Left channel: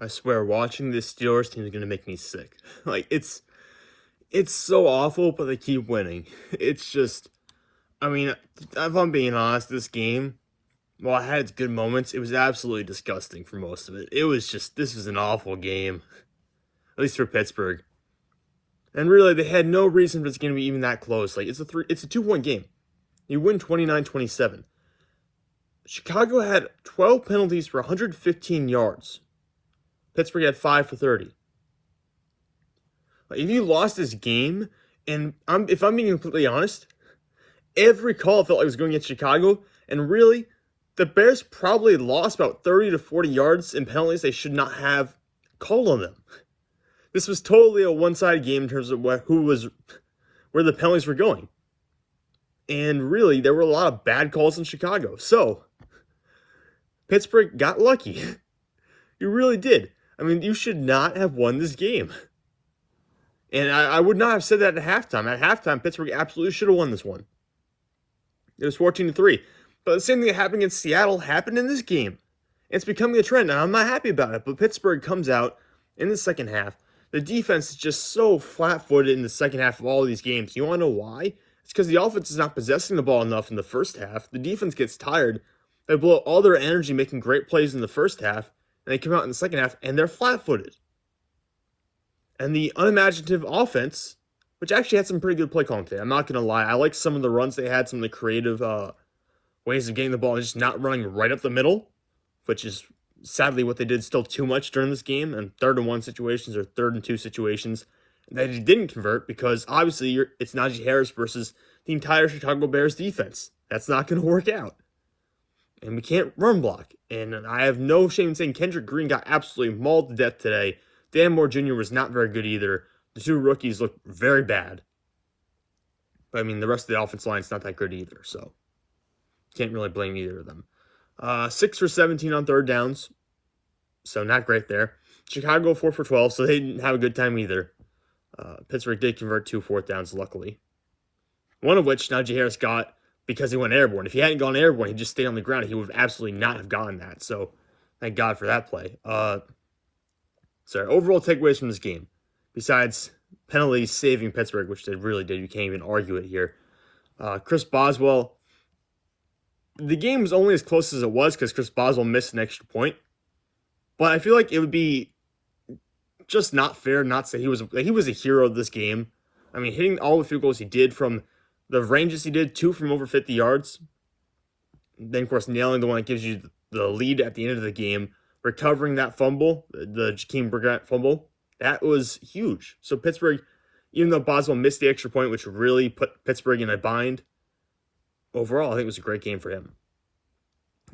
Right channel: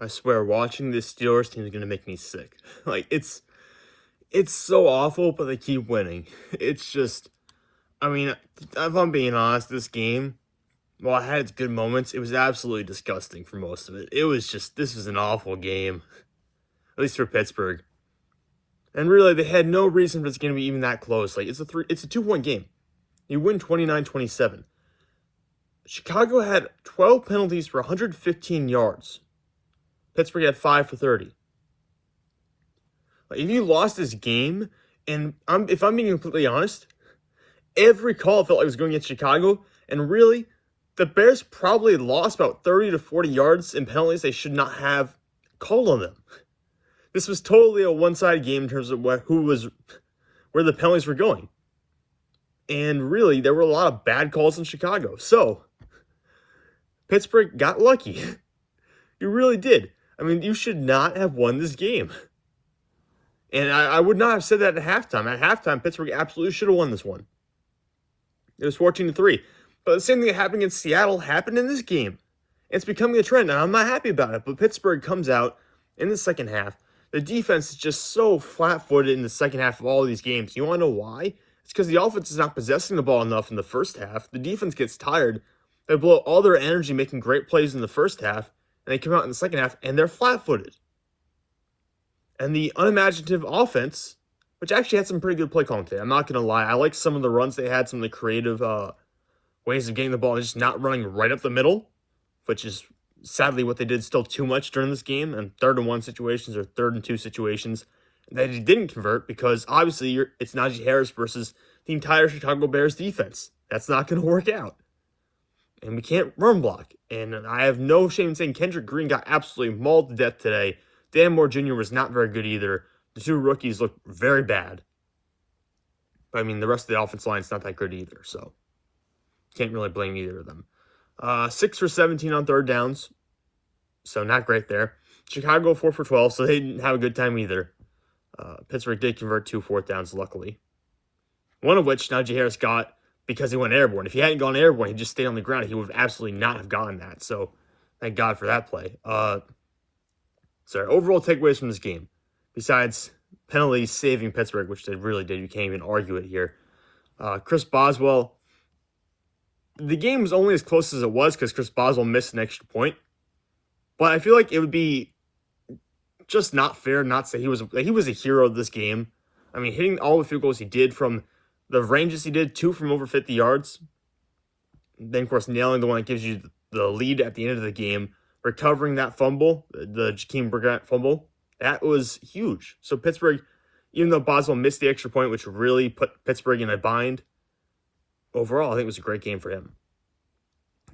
I swear, watching this Steelers team is going to make me sick. Like, it's so awful, but they keep winning. It's just, I mean, if I'm being honest, this game, while it had its good moments, it was absolutely disgusting for most of it. It was just, this was an awful game, at least for Pittsburgh. And really, they had no reason for this game to be even that close. Like, it's a 2-point game. You win 29-27. Chicago had 12 penalties for 115 yards. Pittsburgh had 5 for 30. Like, if you lost this game, and if I'm being completely honest, every call felt like it was going against Chicago, and really, the Bears probably lost about 30 to 40 yards in penalties they should not have called on them. This was totally a one-sided game in terms of where the penalties were going. And really, there were a lot of bad calls in Chicago. So, Pittsburgh got lucky. You really did. I mean, you should not have won this game. And I would not have said that at halftime. At halftime, Pittsburgh absolutely should have won this one. It was 14-3. But the same thing that happened against Seattle happened in this game. It's becoming a trend, and I'm not happy about it. But Pittsburgh comes out in the second half. The defense is just so flat-footed in the second half of all of these games. You want to know why? It's because the offense is not possessing the ball enough in the first half. The defense gets tired. They blow all their energy making great plays in the first half, and they come out in the second half, and they're flat-footed. And the unimaginative offense, which actually had some pretty good play calling today. I'm not going to lie. I like some of the runs they had, some of the creative ways of getting the ball, and just not running right up the middle, which is sadly what they did still too much during this game, and 3rd-and-1 situations or 3rd-and-2 situations that he didn't convert because obviously it's Najee Harris versus the entire Chicago Bears defense. That's not going to work out. And we can't run block. And I have no shame in saying Kendrick Green got absolutely mauled to death today. Dan Moore Jr. was not very good either. The 2 rookies looked very bad. But I mean, the rest of the offensive line is not that good either, so can't really blame either of them. 6 for 17 on 3rd downs, so not great there. Chicago 4 for 12, so they didn't have a good time either. Pittsburgh did convert 2 4th downs, luckily. One of which Najee Harris got because he went airborne. If he hadn't gone airborne, he'd just stayed on the ground. He would have absolutely not have gotten that. So, thank God for that play. Overall takeaways from this game, besides penalties saving Pittsburgh, which they really did. You can't even argue it here. Chris Boswell, the game was only as close as it was because Chris Boswell missed an extra point. But I feel like it would be just not fair not to say he was a hero of this game. I mean, hitting all the field goals he did from the ranges he did, 2 from over 50 yards. Then, of course, nailing the one that gives you the lead at the end of the game. Recovering that fumble, the Jakeem Brissett fumble, that was huge. So Pittsburgh, even though Boswell missed the extra point, which really put Pittsburgh in a bind, overall, I think it was a great game for him.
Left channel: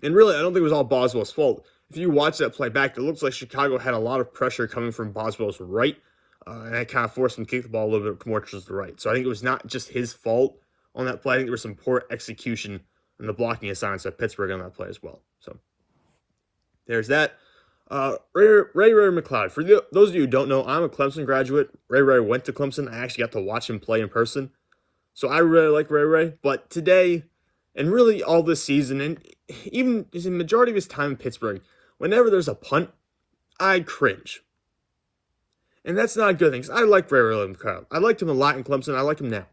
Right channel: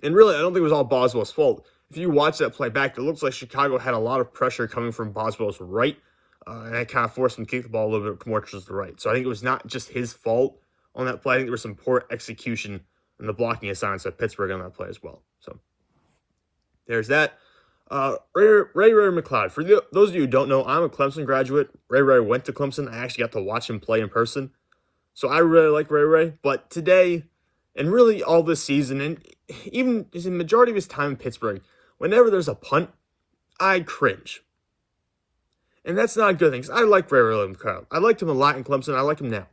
And really, I don't think it was all Boswell's fault. If you watch that play back, it looks like Chicago had a lot of pressure coming from Boswell's right, and that kind of forced him to kick the ball a little bit more towards the right. So I think it was not just his fault on that play. I think there was some poor execution in the blocking assignments at Pittsburgh on that play as well. So there's that. Ray McLeod. For those of you who don't know, I'm a Clemson graduate. Ray went to Clemson. I actually got to watch him play in person. So I really like Ray. But today, and really all this season, and even the majority of his time in Pittsburgh, whenever there's a punt, I cringe. And that's not a good thing, because I like Ray McLeod. I liked him a lot in Clemson. I like him now.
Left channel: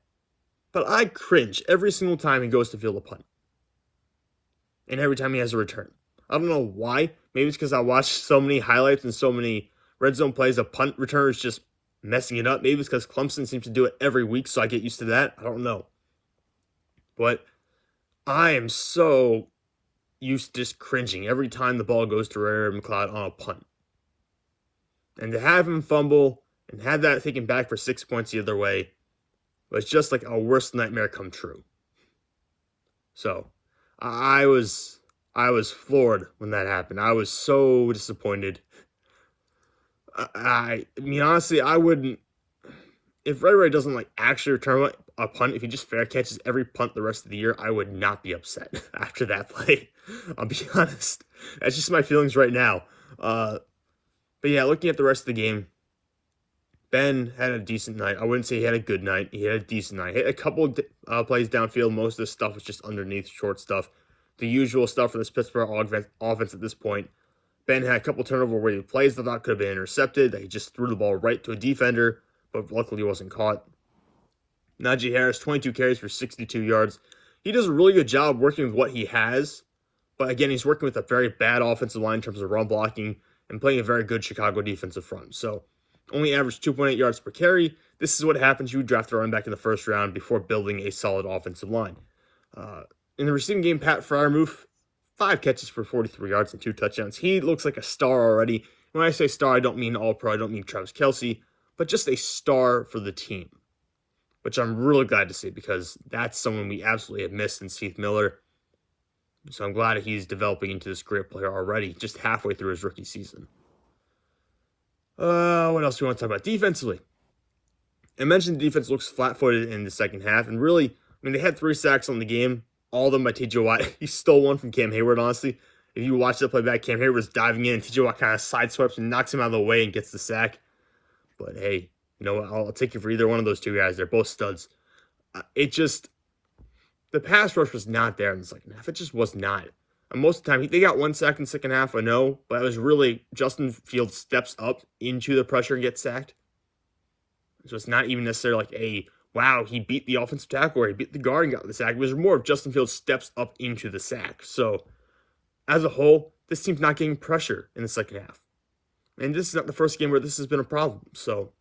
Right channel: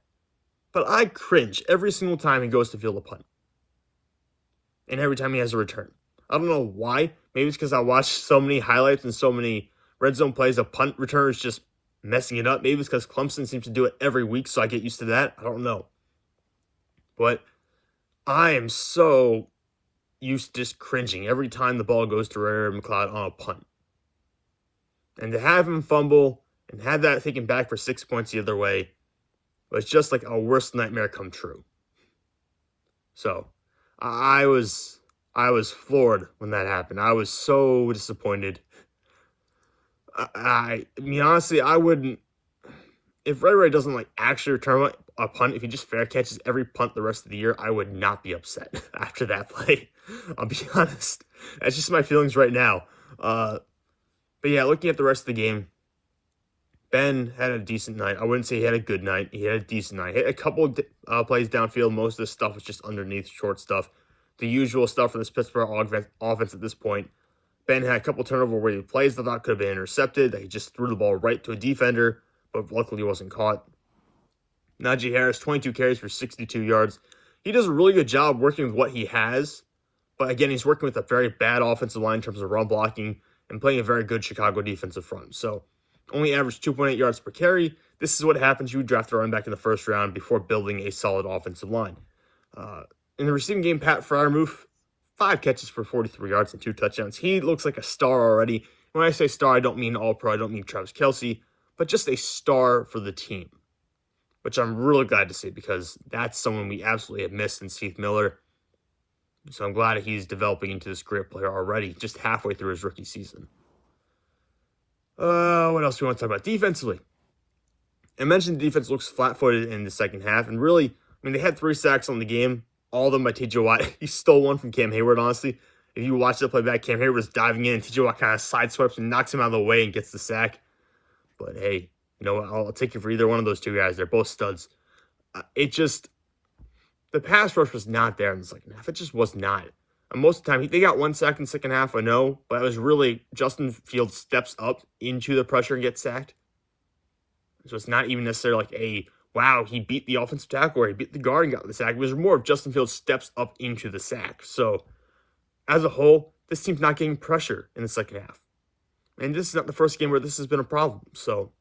But I cringe every single time he goes to field a punt. And every time he has a return. I don't know why. Maybe it's because I watched so many highlights and so many red zone plays of punt returners just messing it up. Maybe it's because Clemson seems to do it every week, so I get used to that. I don't know. But I am so used to just cringing every time the ball goes to Ray McLeod on a punt. And to have him fumble and have that taken back for 6 points the other way was just like a worst nightmare come true. So, I was floored when that happened. I was so disappointed. I mean, honestly, I wouldn't, if Ray doesn't actually return a punt, if he just fair catches every punt the rest of the year, I would not be upset after that play. I'll be honest. That's just my feelings right now. But yeah, looking at the rest of the game, Ben had a decent night. I wouldn't say he had a good night. He had a decent night. Hit a couple of plays downfield. Most of this stuff was just underneath, short stuff. The usual stuff for this Pittsburgh offense at this point. Ben had a couple turnover-worthy plays that I thought could have been intercepted. He just threw the ball right to a defender, but luckily wasn't caught. Najee Harris, 22 carries for 62 yards. He does a really good job working with what he has, but again, he's working with a very bad offensive line in terms of run blocking and playing a very good Chicago defensive front. So only averaged 2.8 yards per carry. This is what happens. You draft a running back in the first round before building a solid offensive line. In the receiving game, Pat Freiermuth, 5 catches for 43 yards and 2 touchdowns. He looks like a star already. When I say star, I don't mean all-pro. I don't mean Travis Kelce, but just a star for the team, which I'm really glad to see because that's someone we absolutely have missed in Steve Miller. So I'm glad he's developing into this great player already, just halfway through his rookie season. What else do we want to talk about? Defensively, I mentioned the defense looks flat-footed in the second half, and really, I mean, they had 3 sacks on the game, all of them by T.J. Watt. He stole one from Cam Hayward, honestly. If you watch the play back, Cam Hayward was diving in, and T.J. Watt kind of sideswipes and knocks him out of the way and gets the sack. But hey, you know what? I'll take you for either one of those two guys. They're both studs. The pass rush was not there in the second half. It just was not. And most of the time, they got 1 sack in the second half, I know, but it was really Justin Fields steps up into the pressure and gets sacked. So it's not even necessarily like wow, he beat the offensive tackle or he beat the guard and got the sack. It was more of Justin Fields steps up into the sack. So as a whole, this team's not getting pressure in the second half. And this is not the first game where this has been a problem. So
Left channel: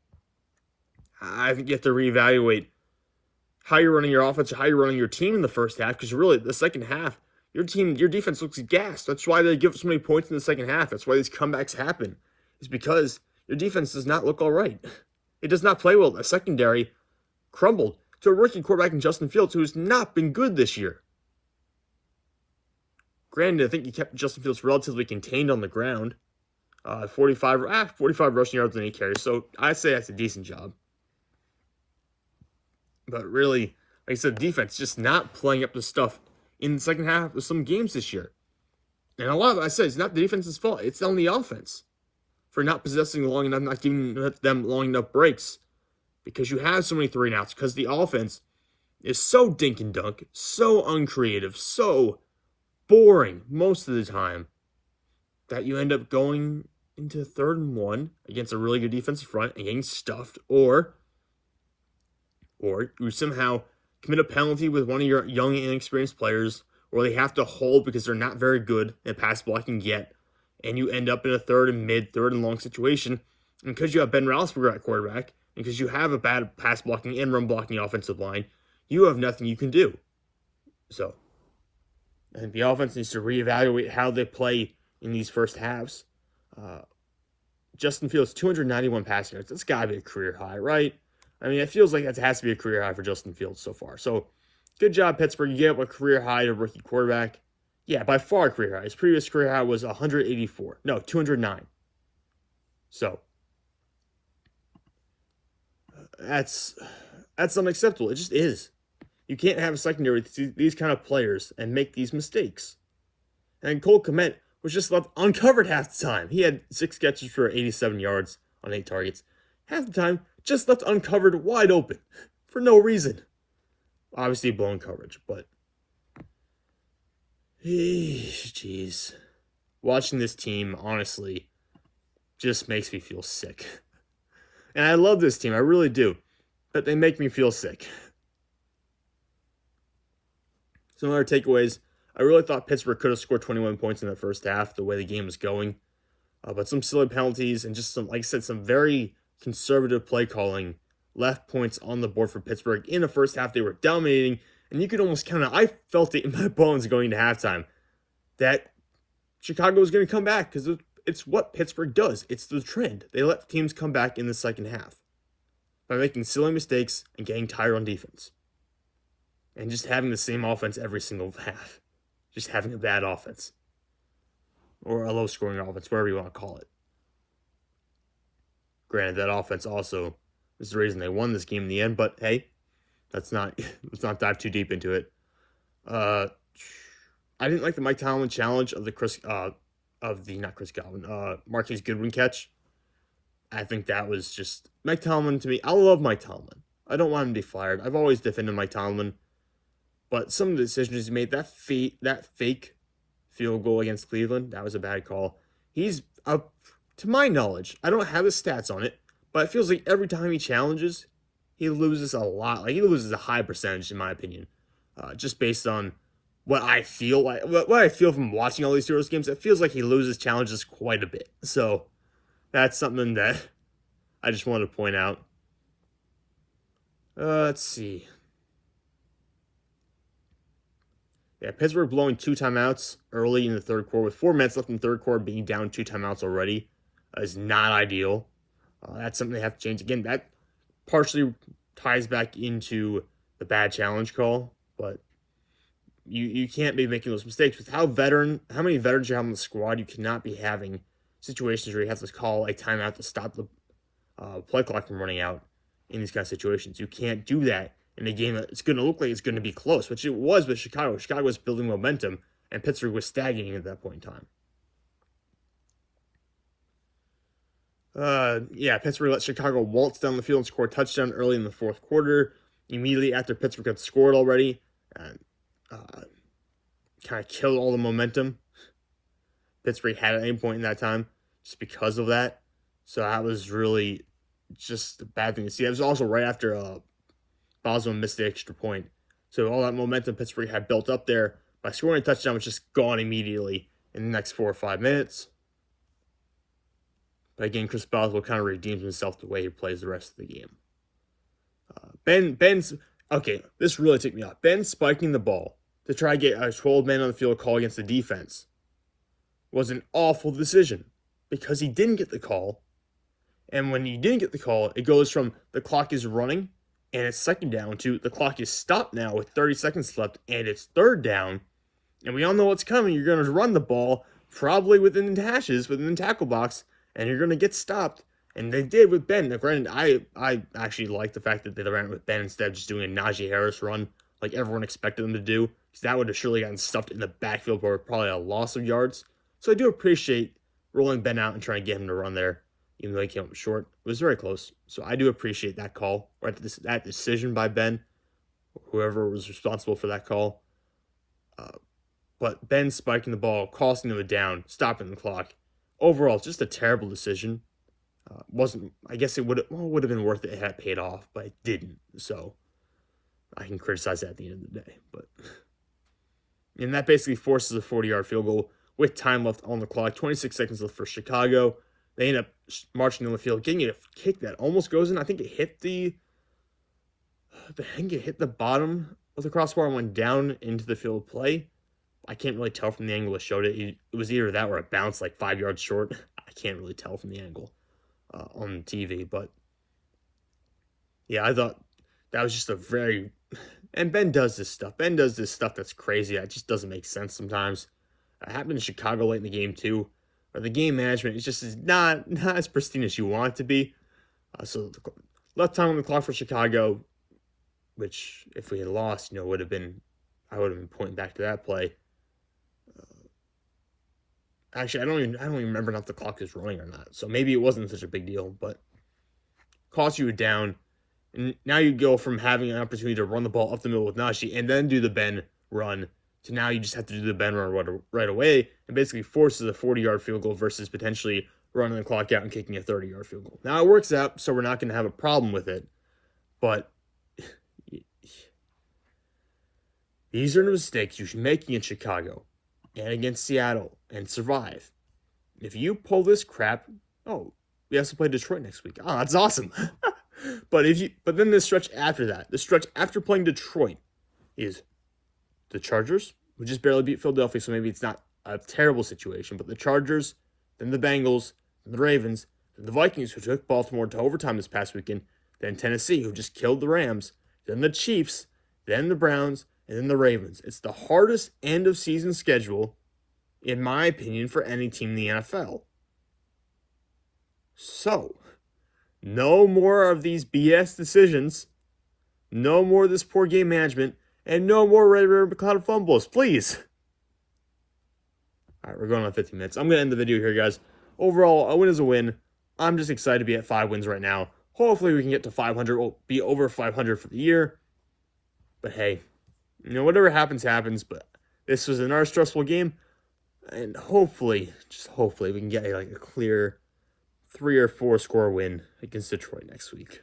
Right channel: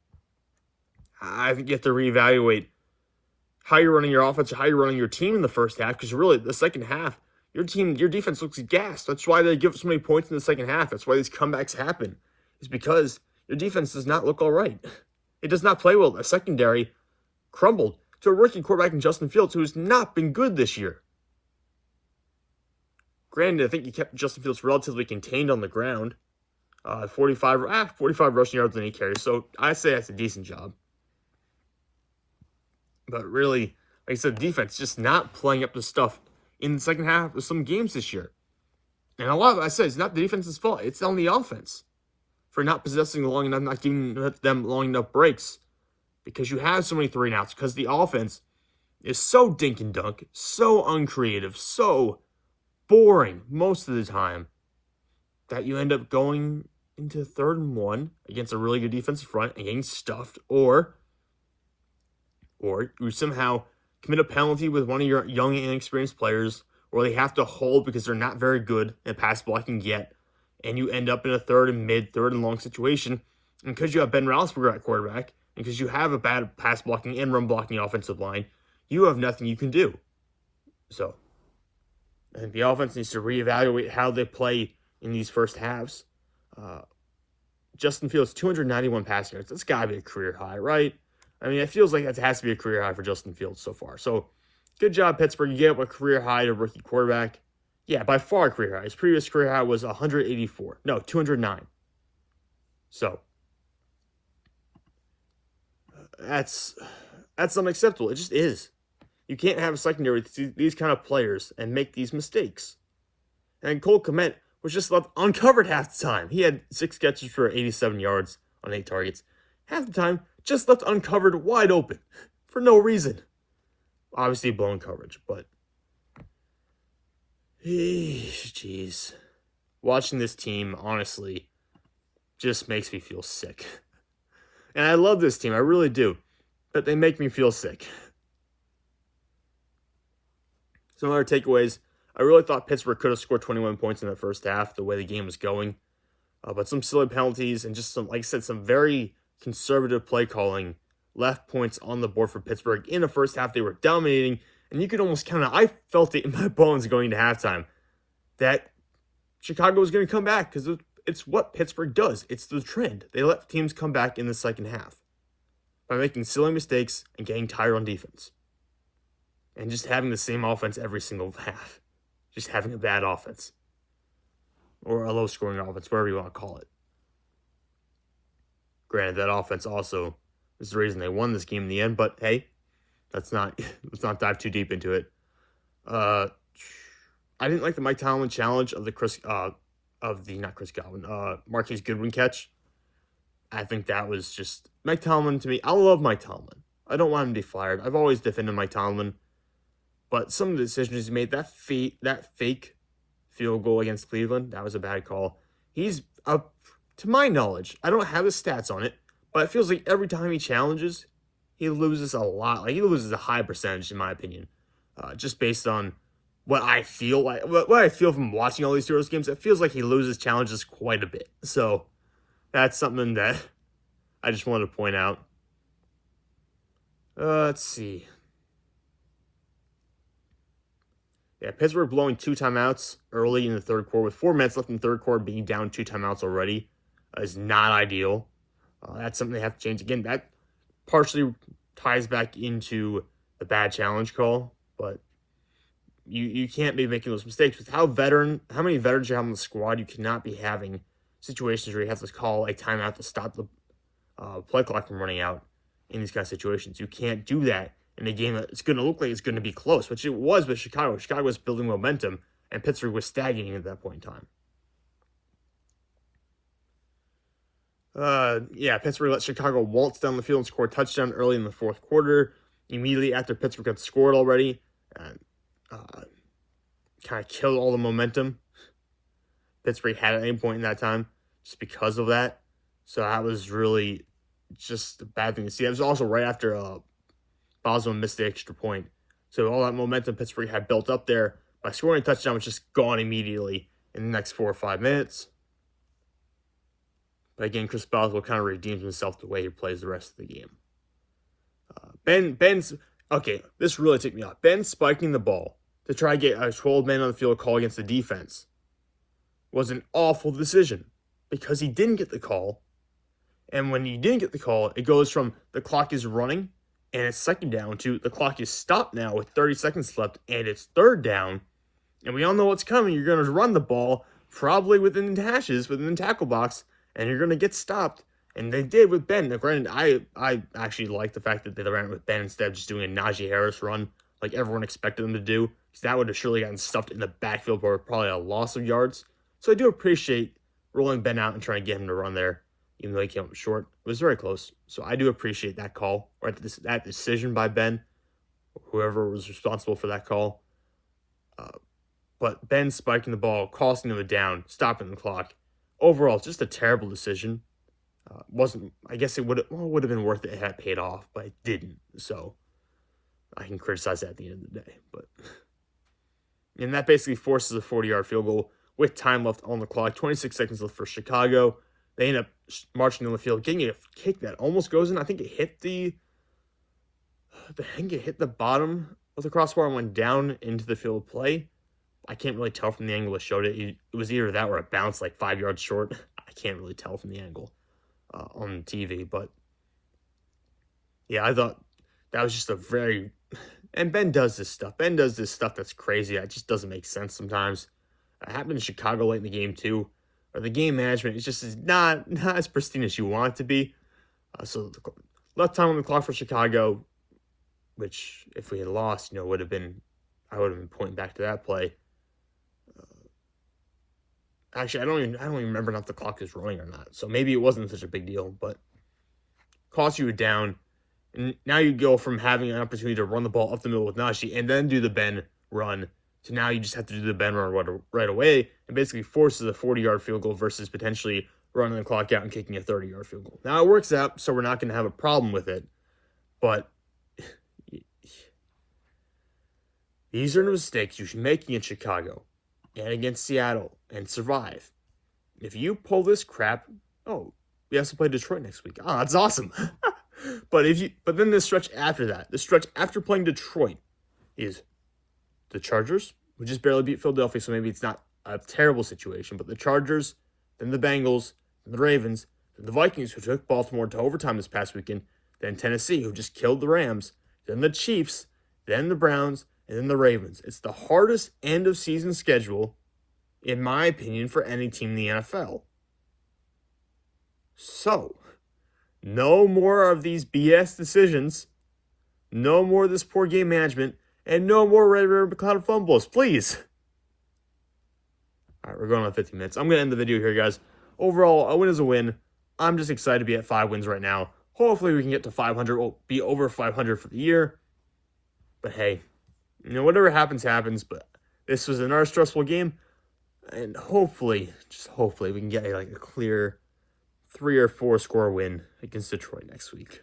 I think you have to reevaluate how you're running your offense or how you're running your team in the first half, because really the second half, your defense looks gassed. That's why they give so many points in the second half. That's why these comebacks happen. It's because your defense does not look all right. It does not play well. The secondary crumbled to a rookie quarterback in Justin Fields, who has not been good this year. Granted, I think he kept Justin Fields relatively contained on the ground. 45 rushing yards and 8 carries. So I'd say that's a decent job. But really, like I said, the defense just not playing up to stuff in the second half of some games this year. And a lot of it, I said, it's not the defense's fault. It's on the offense for not possessing long enough, not giving them long enough breaks. Because you have so many 3-and-outs. Because the offense is so dink and dunk, so uncreative, so boring most of the time, that you end up going into 3rd and 1 against a really good defensive front and getting stuffed, or you somehow commit a penalty with one of your young and inexperienced players, or they have to hold because they're not very good at pass blocking yet, and you end up in a 3rd and long situation. And because you have Ben Roethlisberger at quarterback, and because you have a bad pass blocking and run blocking offensive line, you have nothing you can do. So I think the offense needs to reevaluate how they play in these first halves. Justin Fields, 291 passing yards. That's got to be a career high, right? I mean, it feels like that has to be a career high for Justin Fields so far. So, good job, Pittsburgh. You get a career high to rookie quarterback. Yeah, by far a career high. His previous career high was 184. No, 209. So, that's unacceptable. It just is. You can't have a secondary with these kind of players and make these mistakes. And Cole Kmet was just left uncovered half the time. He had 6 catches for 87 yards on 8 targets. Half the time, just left uncovered, wide open, for no reason. Obviously, blown coverage, but jeez. Watching this team, honestly, just makes me feel sick. And I love this team, I really do, but they make me feel sick. Some other takeaways. I really thought Pittsburgh could have scored 21 points in the first half, the way the game was going. But some silly penalties and just some, like I said, some very conservative play calling left points on the board for Pittsburgh. In the first half, they were dominating, and you could almost count it. I felt it in my bones going into halftime that Chicago was going to come back, because it's what Pittsburgh does. It's the trend. They let teams come back in the second half by making silly mistakes and getting tired on defense. And just having the same offense every single half. Just having a bad offense. Or a low-scoring offense, whatever you want to call it. Granted, that offense also is the reason they won this game in the end, but hey, let's not dive too deep into it. I didn't like the Mike Tomlin challenge of Marquise Goodwin catch. I think that was just Mike Tomlin to me. I love Mike Tomlin. I don't want him to be fired. I've always defended Mike Tomlin, but some of the decisions he made, that fake field goal against Cleveland, that was a bad call. he's, to my knowledge, I don't have his stats on it, but it feels like every time he challenges, he loses a lot. Like, he loses a high percentage, in my opinion. Just based on what I feel like, what I feel from watching all these Steelers games, it feels like he loses challenges quite a bit. So, that's something that I just wanted to point out. Let's see. Yeah, Pittsburgh blowing 2 timeouts early in the third quarter with 4 minutes left in the third quarter, being down 2 timeouts already is not ideal. That's something they have to change. Again, that partially ties back into the bad challenge call, but you can't be making those mistakes. With how many veterans you have on the squad, you cannot be having situations where you have to call a timeout to stop the play clock from running out in these kind of situations. You can't do that in a game that it's going to look like it's going to be close, which it was with Chicago. Chicago was building momentum, and Pittsburgh was stagnating at that point in time. Pittsburgh let Chicago waltz down the field and score a touchdown early in the fourth quarter. Immediately after Pittsburgh had scored already, and kind of killed all the momentum Pittsburgh had at any point in that time just because of that. So that was really just a bad thing to see. That was also right after Boswell missed the extra point. So all that momentum Pittsburgh had built up there by scoring a touchdown was just gone immediately in the next 4 or 5 minutes. But again, Chris Boswell kind of redeemed himself the way he plays the rest of the game. This really ticked me off. Ben spiking the ball to try to get a 12-man on the field call against the defense was an awful decision because he didn't get the call. And when he didn't get the call, it goes from the clock is running and it's second down to the clock is stopped now with 30 seconds left and it's third down. And we all know what's coming. You're going to run the ball probably within the hashes, within the tackle box, and you're going to get stopped. And they did with Ben. Now, granted, I actually like the fact that they ran with Ben instead of just doing a Najee Harris run like everyone expected them to do, because that would have surely gotten stuffed in the backfield for probably a loss of yards. So I do appreciate rolling Ben out and trying to get him to run there, even though he came up short. It was very close. So I do appreciate that call, or that decision by Ben, whoever was responsible for that call. But Ben spiking the ball, costing them a down, stopping the clock. Overall, it's just a terrible decision. I guess it would have been worth it if it had paid off, but it didn't. So I can criticize that at the end of the day. And that basically forces a 40-yard field goal with time left on the clock. 26 seconds left for Chicago. They end up marching on the field, getting a kick that almost goes in. I think it hit the bottom of the crossbar and went down into the field of play. I can't really tell from the angle it showed it. It was either that or it bounced like 5 yards short. I can't really tell from the angle on TV. But, yeah, I thought that was just a very... And Ben does this stuff. Ben does this stuff that's crazy. It just doesn't make sense sometimes. It happened in Chicago late in the game, too. The game management is just not as pristine as you want it to be. So left time on the clock for Chicago, which if we had lost, I would have been pointing back to that play. Actually, I don't even remember if the clock is running or not. So maybe it wasn't such a big deal, but cost you a down. And now you go from having an opportunity to run the ball up the middle with Najee and then do the Ben run to now you just have to do the Ben run right away, and basically forces a 40-yard field goal versus potentially running the clock out and kicking a 30-yard field goal. Now it works out, so we're not going to have a problem with it, but these are the mistakes you should be making in Chicago and against Seattle and survive. If you pull this crap, we have to play Detroit next week. That's awesome. But then the stretch after that, the stretch after playing Detroit is the Chargers, who just barely beat Philadelphia, so maybe it's not a terrible situation, but the Chargers, then the Bengals, then the Ravens, then the Vikings, who took Baltimore to overtime this past weekend, then Tennessee, who just killed the Rams, then the Chiefs, then the Browns, and then the Ravens. It's the hardest end-of-season schedule, in my opinion, for any team in the NFL. So, no more of these BS decisions, no more of this poor game management, and no more Red River McLeod fumbles, please. All right, we're going on 15 minutes. I'm going to end the video here, guys. Overall, a win is a win. I'm just excited to be at 5 wins right now. Hopefully, we can get to 500. We'll be over 500 for the year. But hey, whatever happens, happens. But this was another stressful game. And hopefully, just hopefully, we can get like a clear 3 or 4 score win against Detroit next week.